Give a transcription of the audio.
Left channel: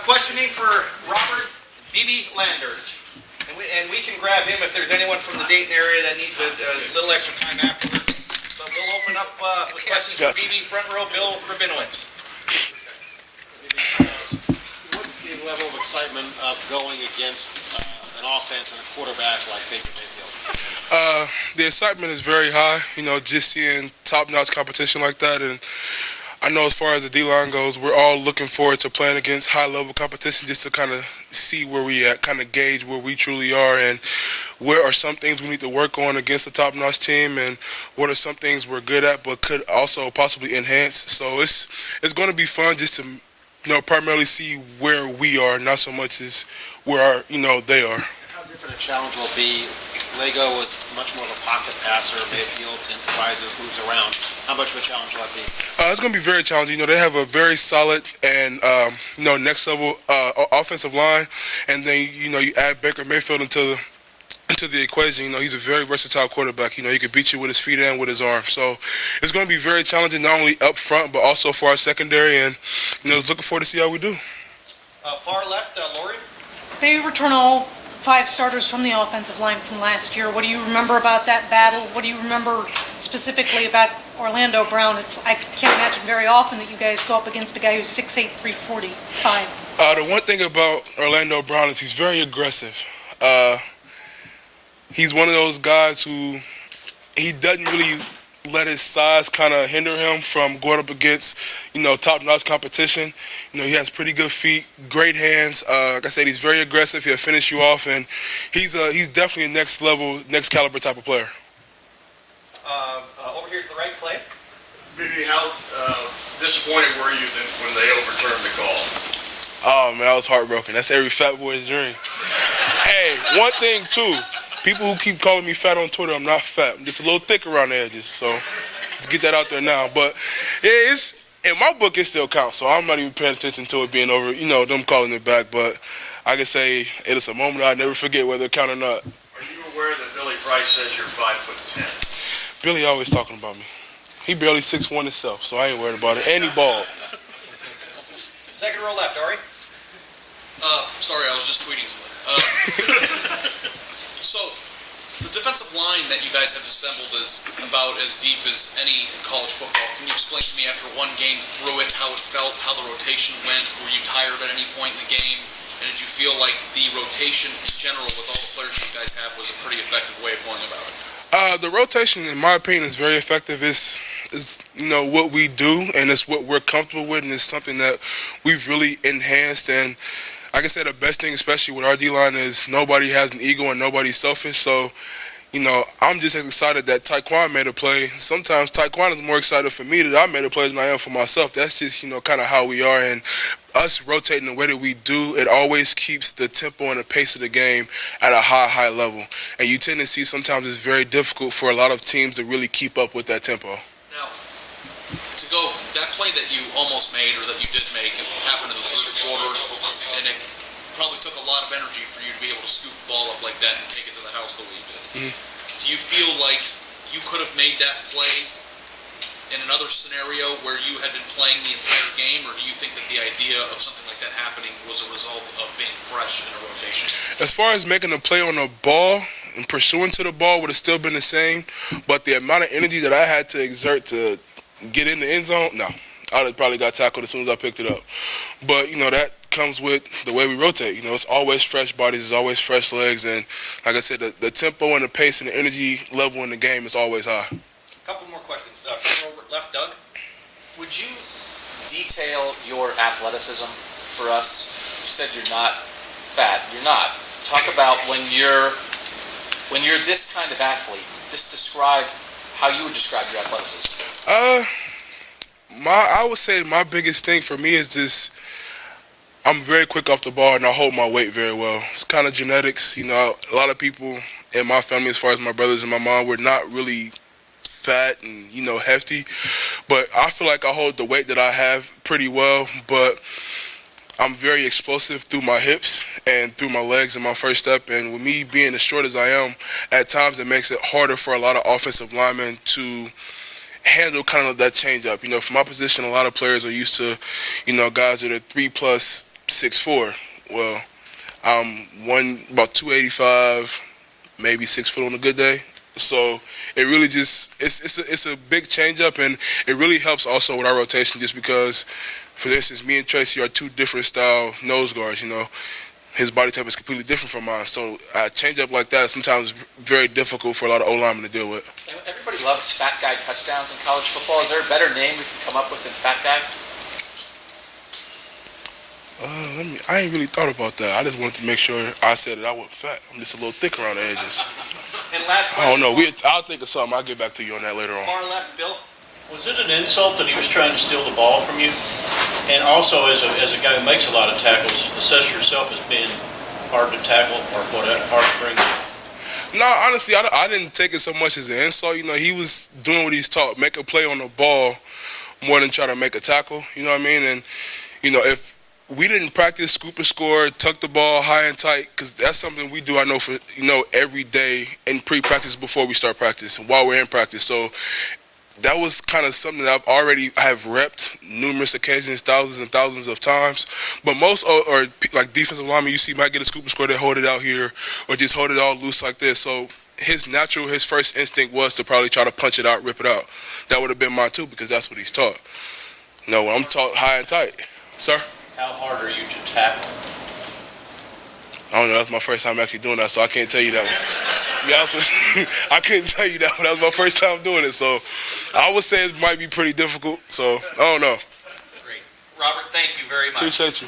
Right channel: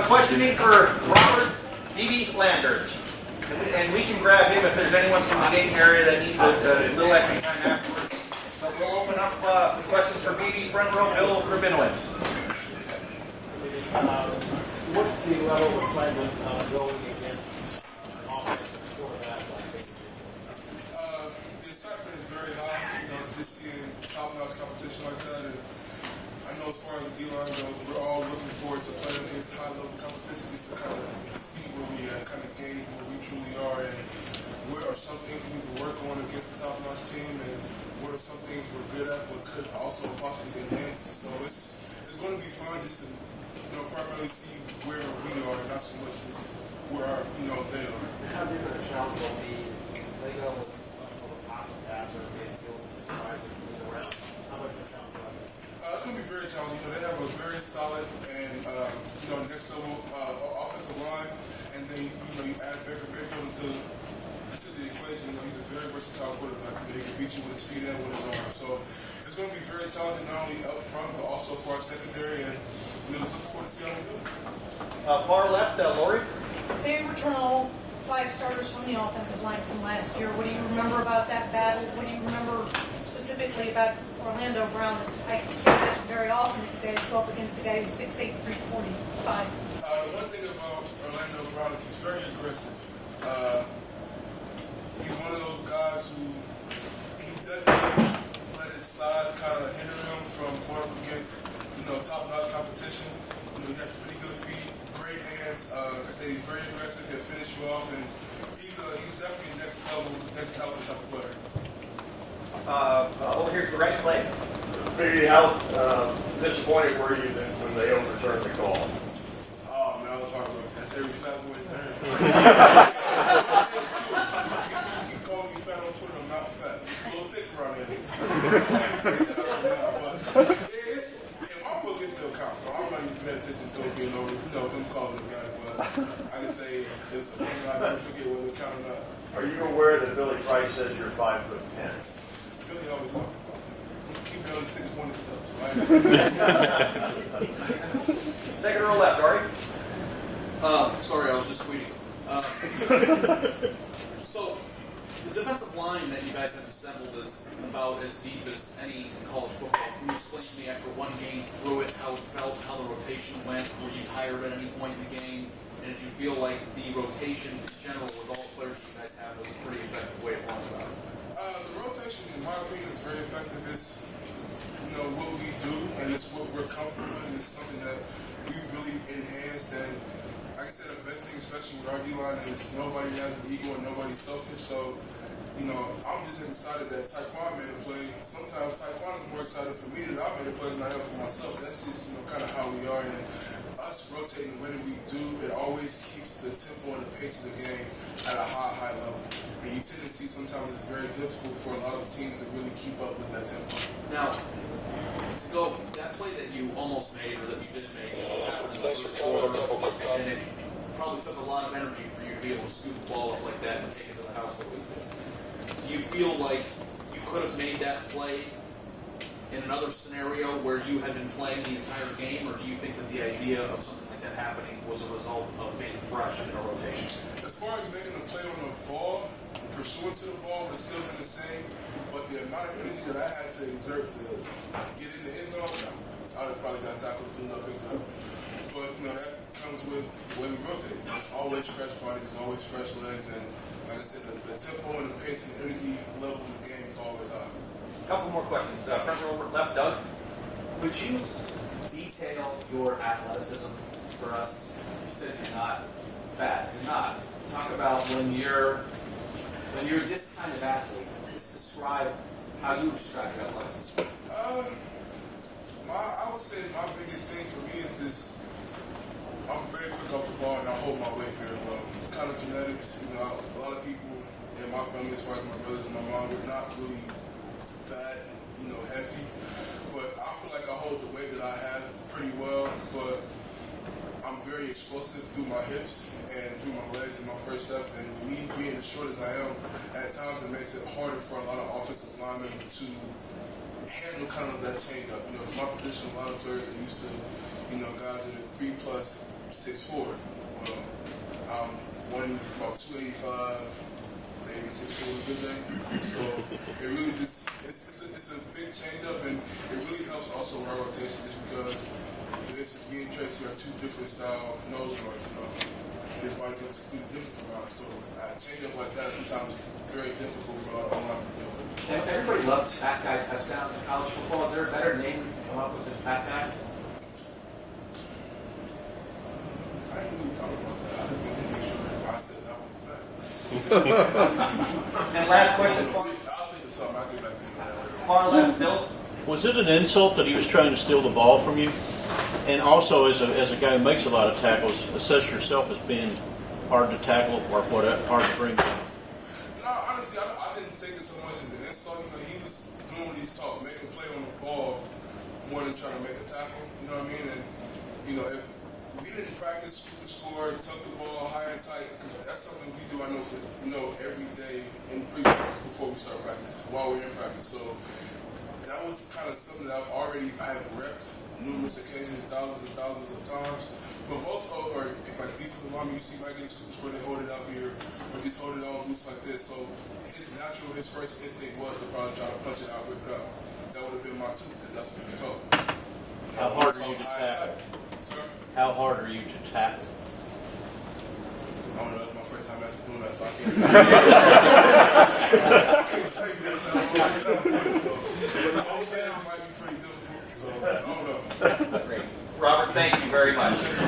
questioning for Robert BB Landers. And we can grab him if there's anyone from the Dayton area that needs a little extra time afterwards. But we'll open up the questions for BB, front row, Bill Rabinowitz. What's the level of excitement of going against an offense and a quarterback like Baker Mayfield? The excitement is very high, just seeing top-notch competition like that. And I know as far as the D-line goes, we're all looking forward to playing against high-level competition just to kind of see where we at, kind of gauge where we truly are and where are some things we need to work on against a top-notch team and what are some things we're good at but could also possibly enhance. So it's going to be fun just to primarily see where we are, not so much as where they are. How different a challenge will be? Lego was much more of a pocket passer. Mayfield improvises, moves around. How much of a challenge will that be? It's going to be very challenging. They have a very solid and next level offensive line, and then you add Baker Mayfield into the equation. He's a very versatile quarterback. He can beat you with his feet and with his arm. So it's going to be very challenging, not only up front but also for our secondary. And just looking forward to see how we do. Far left, Lori. They return all 5 starters from the offensive line from last year. What do you remember about that battle? What do you remember specifically about Orlando Brown? I can't imagine very often that you guys go up against a guy who's 6'8", 345. The one thing about Orlando Brown is he's very aggressive. He's one of those guys who he doesn't really let his size kind of hinder him from going up against, top-notch competition. He has pretty good feet, great hands. Like I said, he's very aggressive. He'll finish you off, and he's definitely a next level, next caliber type of player. Over here to the right play. Maybe how disappointed were you when they overturned the call? Oh, man, I was heartbroken. That's every fat boy's dream. Hey, one thing, too. People who keep calling me fat on Twitter, I'm not fat. I'm just a little thick around the edges, so let's get that out there now. But, yeah, in my book, it still counts, so I'm not even paying attention to it being over, them calling it back. But I can say it is a moment I'll never forget, whether it count or not. Are you aware that Billy Price says you're 5'10"? Billy always talking about me. He barely 6'1" himself, so I ain't worried about it. And he ball. Second row left, Ari. Sorry, I was just tweeting. So, the defensive line that you guys have assembled is about as deep as any in college football. Can you explain to me after one game through it, how it felt, how the rotation went? Were you tired at any point in the game? And did you feel like the rotation in general with all the players you guys have was a pretty effective way of going about it? The rotation, in my opinion, is very effective. It's what we do, and it's what we're comfortable with, and it's something that we've really enhanced. And like I said, the best thing, especially with our D-line, is nobody has an ego and nobody's selfish. So, I'm just as excited that Tyquan made a play. Sometimes Tyquan is more excited for me that I made a play than I am for myself. That's just, kind of how we are. And us rotating the way that we do, it always keeps the tempo and the pace of the game at a high level. And you tend to see sometimes it's very difficult for a lot of teams to really keep up with that tempo. Now, to go, that play that you almost made or that you did make, it happened in the third quarter, and it probably took a lot of energy for you to be able to scoop the ball up like that and take it to the house the way you did. Do you feel like you could have made that play in another scenario where you had been playing the entire game, or do you think that the idea of something like that happening was a result of being fresh in a rotation? As far as making a play on the ball and pursuing to the ball would have still been the same, but the amount of energy that I had to exert to get in the end zone, no. I would have probably got tackled as soon as I picked it up. But, that comes with the way we rotate. It's always fresh bodies, it's always fresh legs, and like I said, the tempo and the pace and the energy level in the game is always high. A couple more questions. Front row left, Doug. Would you detail your athleticism for us? You said you're not fat. You're not. Talk about when you're this kind of athlete. Just describe how you would describe your athleticism. I would say my biggest thing for me is just I'm very quick off the ball and I hold my weight very well. It's kind of genetics. A lot of people in my family, as far as my brothers and my mom, we're not really fat and, hefty. But I feel like I hold the weight that I have pretty well. But I'm very explosive through my hips and through my legs and my first step. And with me being as short as I am, at times it makes it harder for a lot of offensive linemen to handle kind of that change up. For my position, a lot of players are used to, guys that are 3+ 6'4". Well, I'm about 285, maybe 6 foot on a good day. So it really just it's a big change up, and it really helps also with our rotation just because, for instance, me and Tracy are two different style nose guards. You know, his body type is completely different from mine. So a change up like that sometimes very difficult for a lot of O-linemen to deal with. You know, everybody loves fat guy touchdowns in college football. Is there a better name we can come up with than fat guy? I ain't really thought about that. I just wanted to make sure I said that I wasn't fat. I'm just a little thicker around the edges. And last I don't question. know. I'll think of something. I'll get back to you on that later on. Far left, Bill. Was it an insult that he was trying to steal the ball from you? And also, as a guy who makes a lot of tackles, assess yourself as being hard to tackle or whatever, hard to bring down. No, honestly, I didn't take it so much as an insult. You know, he was doing what he's taught, make a play on the ball more than try to make a tackle. You know what I mean? And, you know, if we didn't practice scoop and score, tuck the ball high and tight, because that's something we do, I know, for, you know, every day in pre-practice before we start practice and while we're in practice. So that was kind of something that I have repped numerous occasions, thousands and thousands of times. But most or like defensive linemen you see might get a scoop and score, they hold it out here or just hold it all loose like this. So his first instinct was to probably try to punch it out, rip it out. That would have been mine too, because that's what he's taught. No, I'm taught high and tight. Sir? How hard are you to tackle? I don't know, that's my first time actually doing that, so I can't tell you that. I couldn't tell you that, but that was my first time doing it, so I would say it might be pretty difficult, so I don't know. Robert, thank you very much. Appreciate you.